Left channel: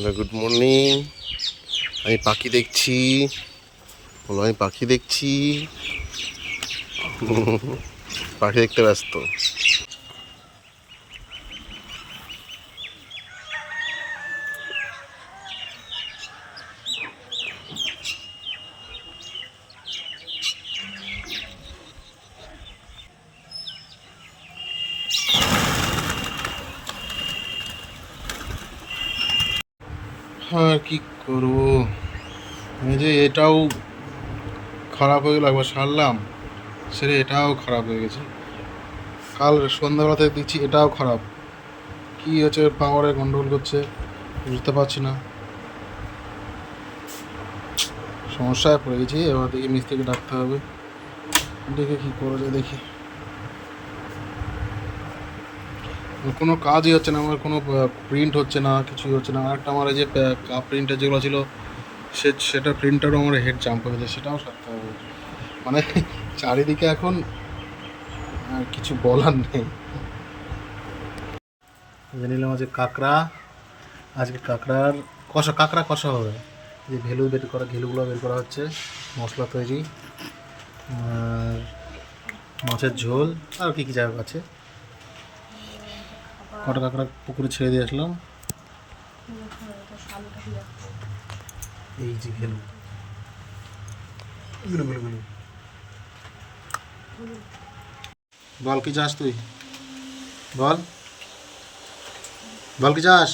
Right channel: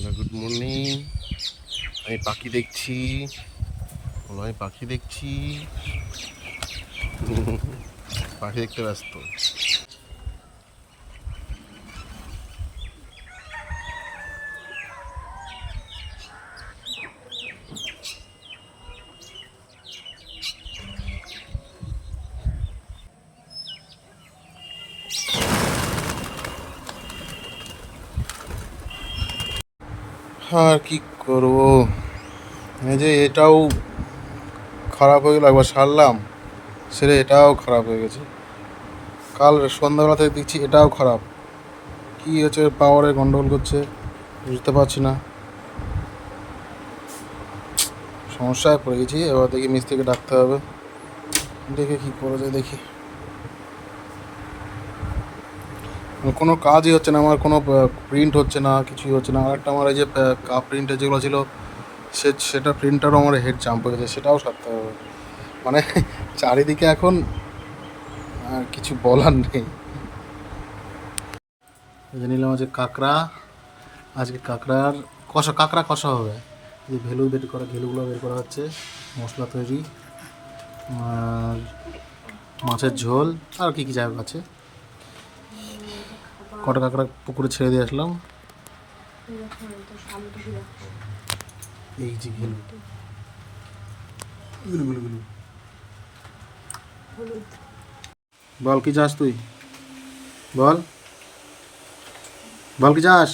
Hello, good morning. আমি পাখি দেখছি। বলো, আমি পাখি দেখছি। পাখি দেখতে ব্যস্ত। আর কি করবো, এই যে এটাও খারাপ হয়ে গেল। একবার সারলাম, সেরে এটাও খারাপ হয়ে গেছে। কাল সন্ধ্যাবেলা থেকে দেখছি এটাও খারাপ। কি হচ্ছে, পাওয়ারে গন্ডগোল করছে, বুঝতে পারছি না। সমস্যায় পড়ে গেছি। এবার দেখি মিস্ত্রিকে ডাকতে হবে, দেখে কি করা যায় দেখি। কোনো কাজই হচ্ছে না আমার, কোনো প্রিন্ট হচ্ছে না, কিছুই হচ্ছে না। আর একটা আমার এই যে কাপ প্রিন্টার যেগুলো ছিল, সেটা প্রিন্টারও আমার হেড জাম্প হয়ে গেছে, সেটাও সারতে হবে। মানে চারিদিকে এখন আর কিছু বলার নেই। নিলাম আজকে কাঁকড়া। আজকে কাঁকড়ার কাঁকড়া কষা হবে। যে ঘেলুগুলো বের করা হচ্ছে, মশলা তৈরি, আর মাছের ঝোল, আর কি কি যাই হোক আছে। কটা কাঁকড়া পুকুরে ছেড়ে দিয়ে আসলাম। এই যে ঘেলু গুলু গুলু গুলু। বল কি চাস তুই, বল বল কি চাস।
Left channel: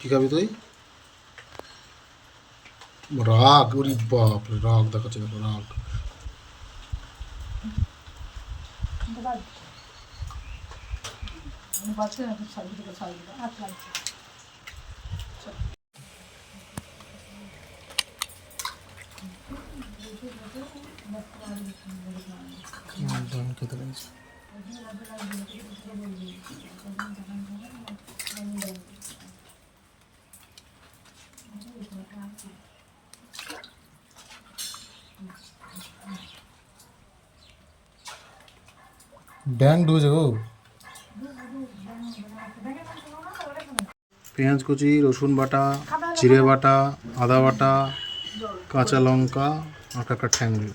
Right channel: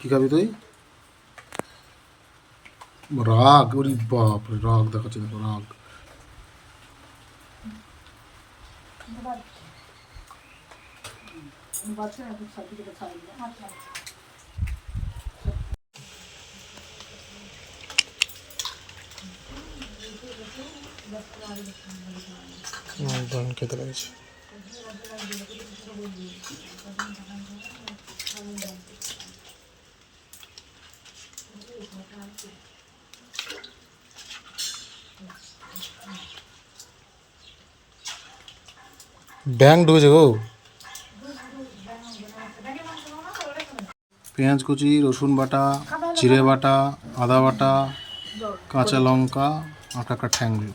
কি খাবি তুই? রাগ, ওরে বাপ রে, রাগ দেখাচ্ছে, দেখো রাগ। খেতে লাগছে। ব্যাং ঢুকেছে গো। পেঁয়াজ কুচি, রসুন বাটা, জিরে বাটা, আদা বাটা, কাঁচা লঙ্কা, আর কাঁকড়া ঠ্যাংরি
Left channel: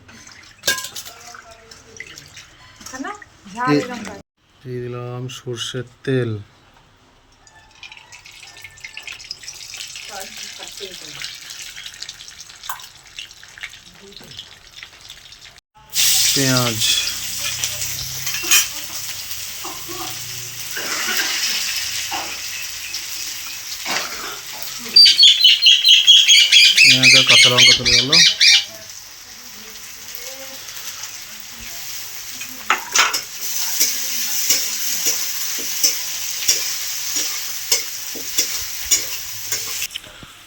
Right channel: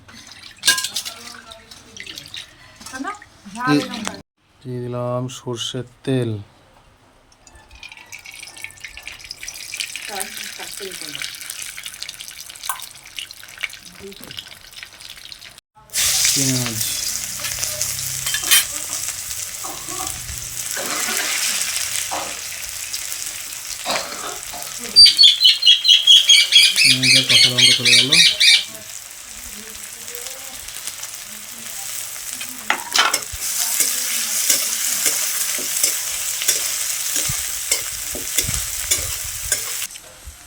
দিয়ে দিলাম সর্ষের তেল। পেঁয়াজ, পেঁয়াজ আর কাঁচা লঙ্কা চলে গেল।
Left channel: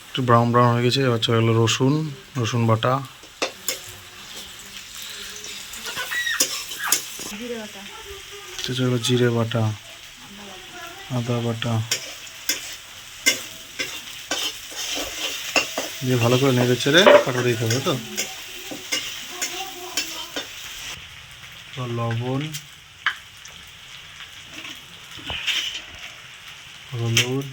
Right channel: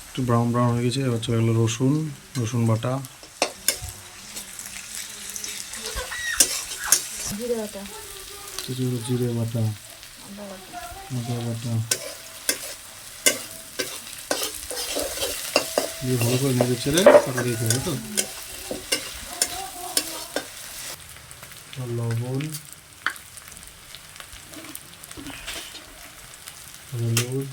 একটু ব্রাউন ব্রাউন হয়ে গেছে। এবার চলে গেলো রসুন বাটা, জিরে বাটা, আদা বাটা দিয়ে ভালো করে নেড়ে চেড়ে কাটা দিতে হবে। তো লবণ, হলুদ,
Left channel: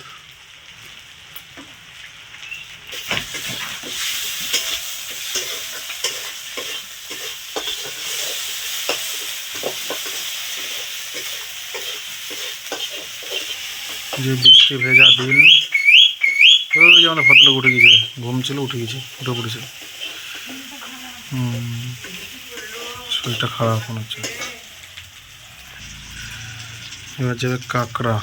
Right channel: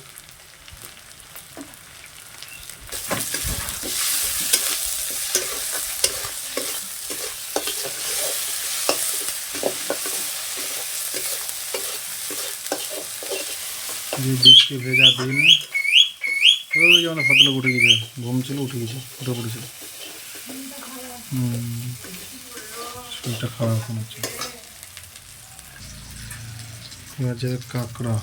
যে বৃষ্টি ভেজা দিন, ওই যে আমাদের ভদ্রলোক উঠে গেছে, ঘুম ছিল, উঠে পড়েছে। শরীরটা খারাপ মনে হচ্ছে। এবার যাবে কাঁকড়া।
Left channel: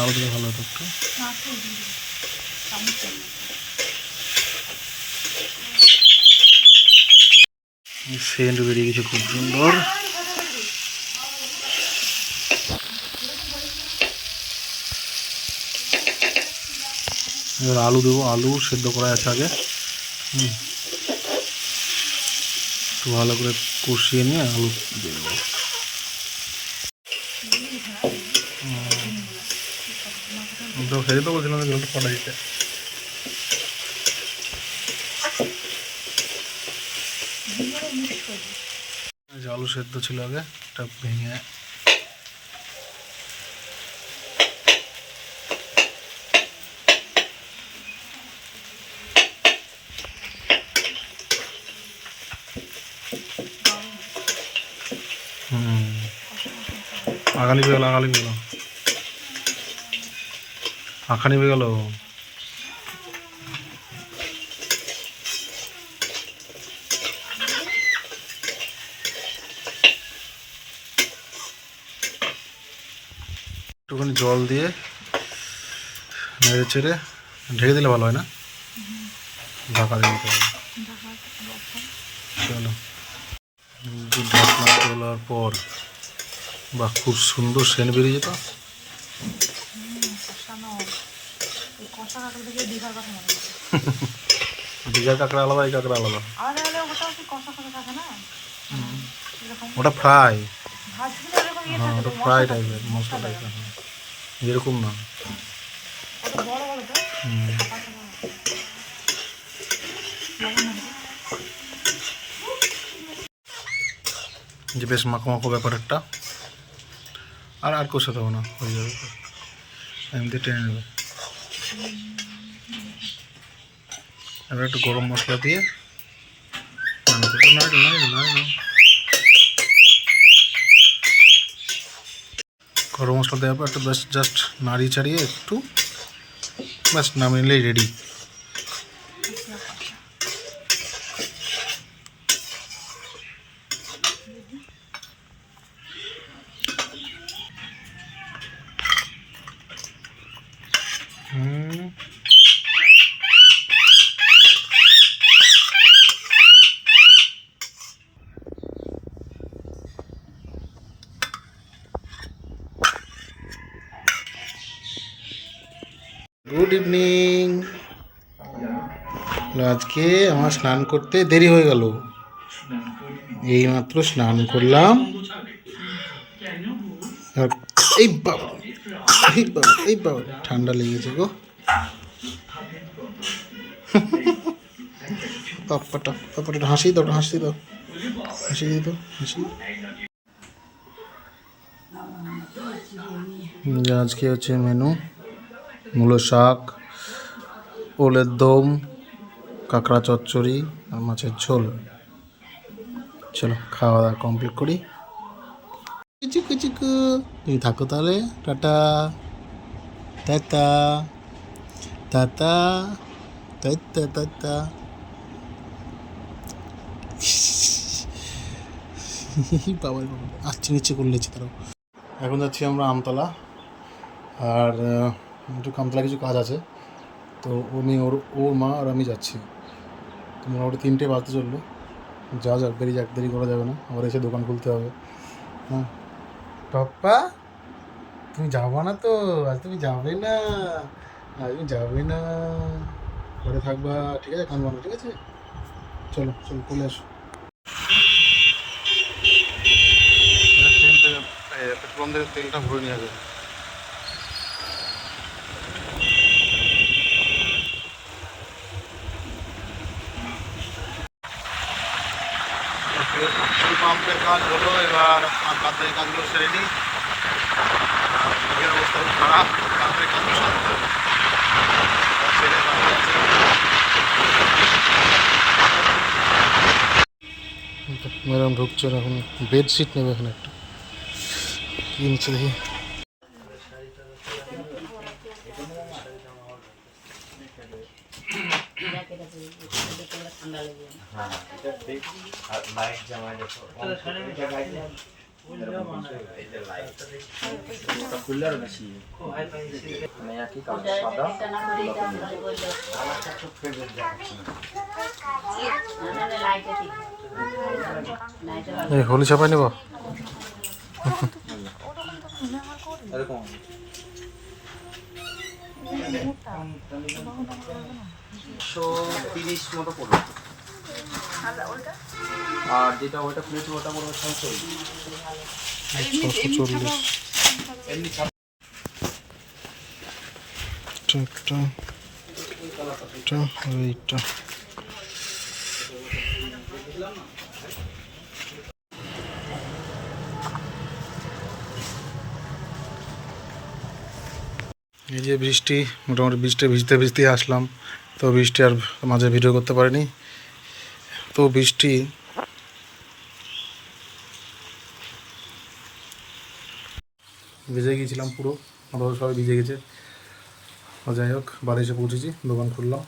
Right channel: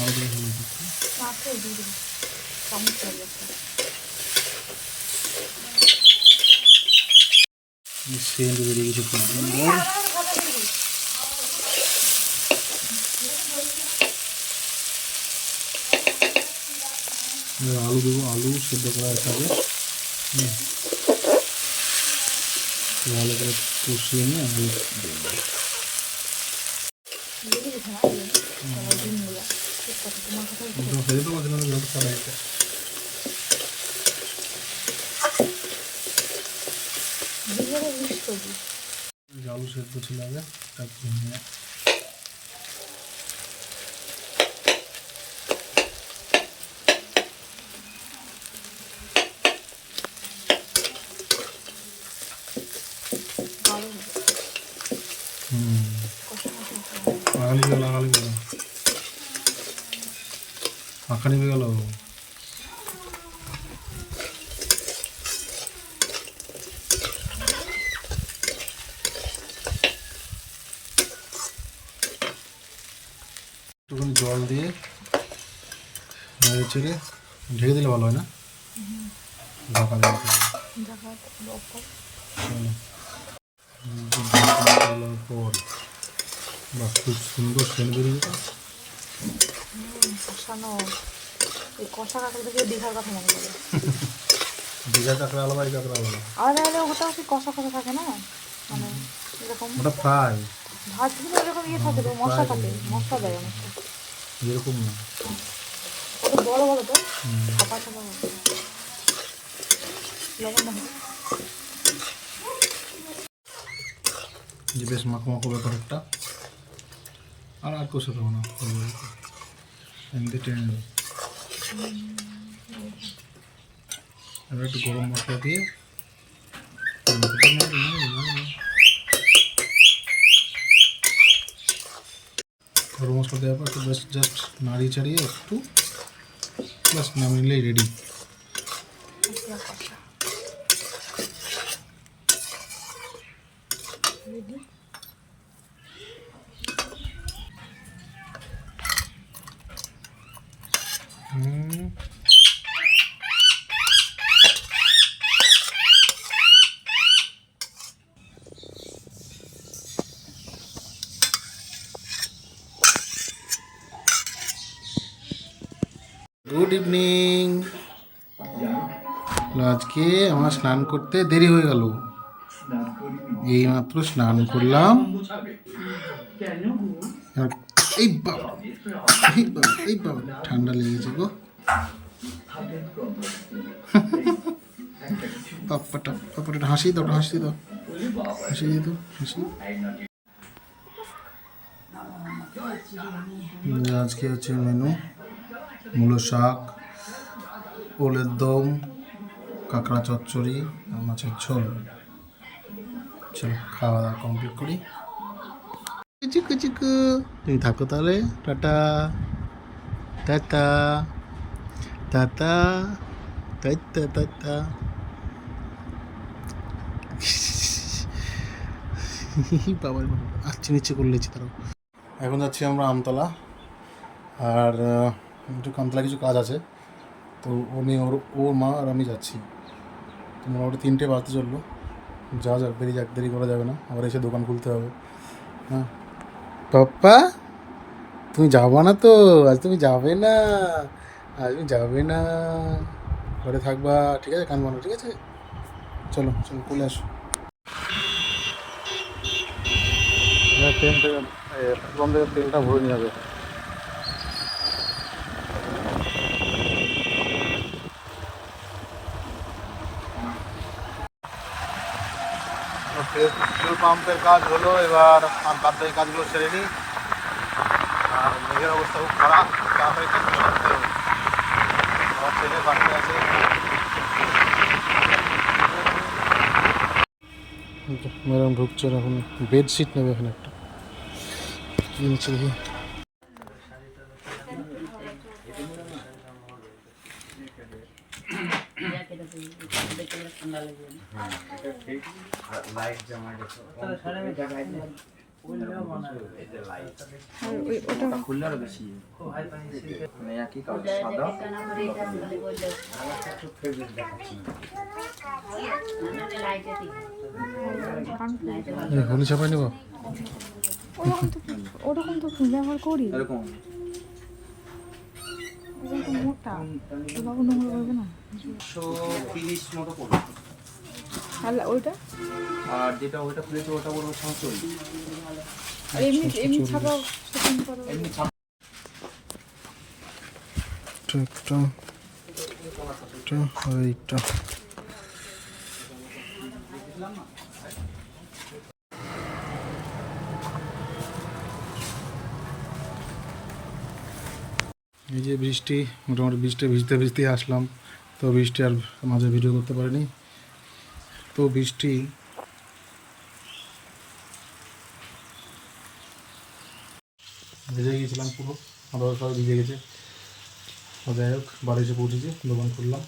আরো দিলে ভালো হতো একটু। সেন্ট বেরিয়ে গেছে খুব সুন্দর। এবার আলু দেবো, আলু সেদ্ধ করা আছে আগে। একটু ভালো করে কষিয়ে নিয়ে আলু দিয়ে দেবো। তো সেই তো বলছিলাম যে জলটা ফটা দিতে। আলু সেদ্ধ ছিল আগে, এটা ভেঙে আগালি পেয়ে গেল, আগালি পেয়ে গেল, আখানি পেয়ে গেল। একটুখানি জল দিয়ে নেড়ে চেড়ে ঢেকে দিলে ভালো হয় না? ঢাকা দিয়ে দিতে হবে। চলো, ঢাকা তোলার পর বাহ, খুব সুন্দর সেন্ট বেরিয়ে যেত। দীঘার কাঁকড়া আলাদা, এই কাঁকড়া আলাদা। ওটা ফ্রাই, ওটা ফ্রাই টাইপের মশলা, এরকম না। যে বেশ মাখো মাখো ব্যাপার একটা, আর আর কষাতে হবে না, হয়ে যাবে, এমনি টেনে নেবে। এবার একটু গরম মশলা দিয়ে গরম মশলা দেওয়ার পর একটু বেশ জাস্ট নাড়িয়ে চাড়িয়ে একটু ব্যাস নামিয়ে নিলেই রেডি। Good evening. আজকে আমার স্নান করতে দেরি হয়ে গেল, এইমাত্র স্নান করলাম। এই বাবা, এই বাবা, এই বাবা, ঠান্ডা লেগেছে গো। পাপ্পাটা পাপ্পাটা হাসি দাও, হাসি দাও, হাসি দিয়ে দাও, হাসি। আজকে হচ্ছে মেনু মূলো শাক, ওলের দম, কাঁকড়া চচ্চড়ি আর মাছের ঝোল। চলো খাওয়া দাওয়া কমপ্লিট করি। চিকু চিকু তুমি থাকো তাহলে, tata tata tata tata tata. বাবা বাবা আসছে, নিচে করলেছি তারাও। এখন যাচ্ছি আমরা আমতলা, আর একটু আমতলা কিছু কাজ আছে, তো ওর মা আর আমি যাচ্ছি। তো মোটামুটি 3টে বাজতে চললো, যাওয়া যাক, বেরিয়ে যাক, দেরি করা যাবে না, আবার এসে দোকান খুলতে হবে। হ্যাঁ পাপ্পা, তুমি যাবো না তো আজ? তুমি যাবে না আজ? তুমি যাবে না, ঘরে থাকবা, ঠিক আছে? কানবো না, ঠিক আছে? চলো চলো চলে আসো। তেল থেকে পেট্রোল থেকে তেলটা ভরে নিয়ে যাবে। পেট্রোল পাম্পের কাজ হলো, এবার আমার বাদ বাকি কাজগুলো সেরে নিই। আর মেঘের অবস্থা খুব খারাপ, তাড়াতাড়ি কাজগুলো সারতে হবে। আমার ছেলে বাকি আছে। ম্যাডাম ঢুকছে এখন, বেডশিট নেবে এখানে একটা, কি নিচ্ছে দেখি। হোলি ছাপাই নেব। এরকম 130 মতো পড়বে। আর যেটা ওইটা খুলেছে ওটা পড়বে 140। একটা এটা আর এইটা। এই যে বৃষ্টি, মোটামুটি বৃষ্টি ভিজতে ভিজতেই আসলাম, তো বৃষ্টি আর মাঝে ভিডিও করতে পারিনি। তো বৃষ্টি ভিজে গিয়েছিলাম পুরো, আমরা সবাই ভিজে গেছে। যাই হোক, বাড়ি এসে পৌঁছেছি, দোকান খুললাম।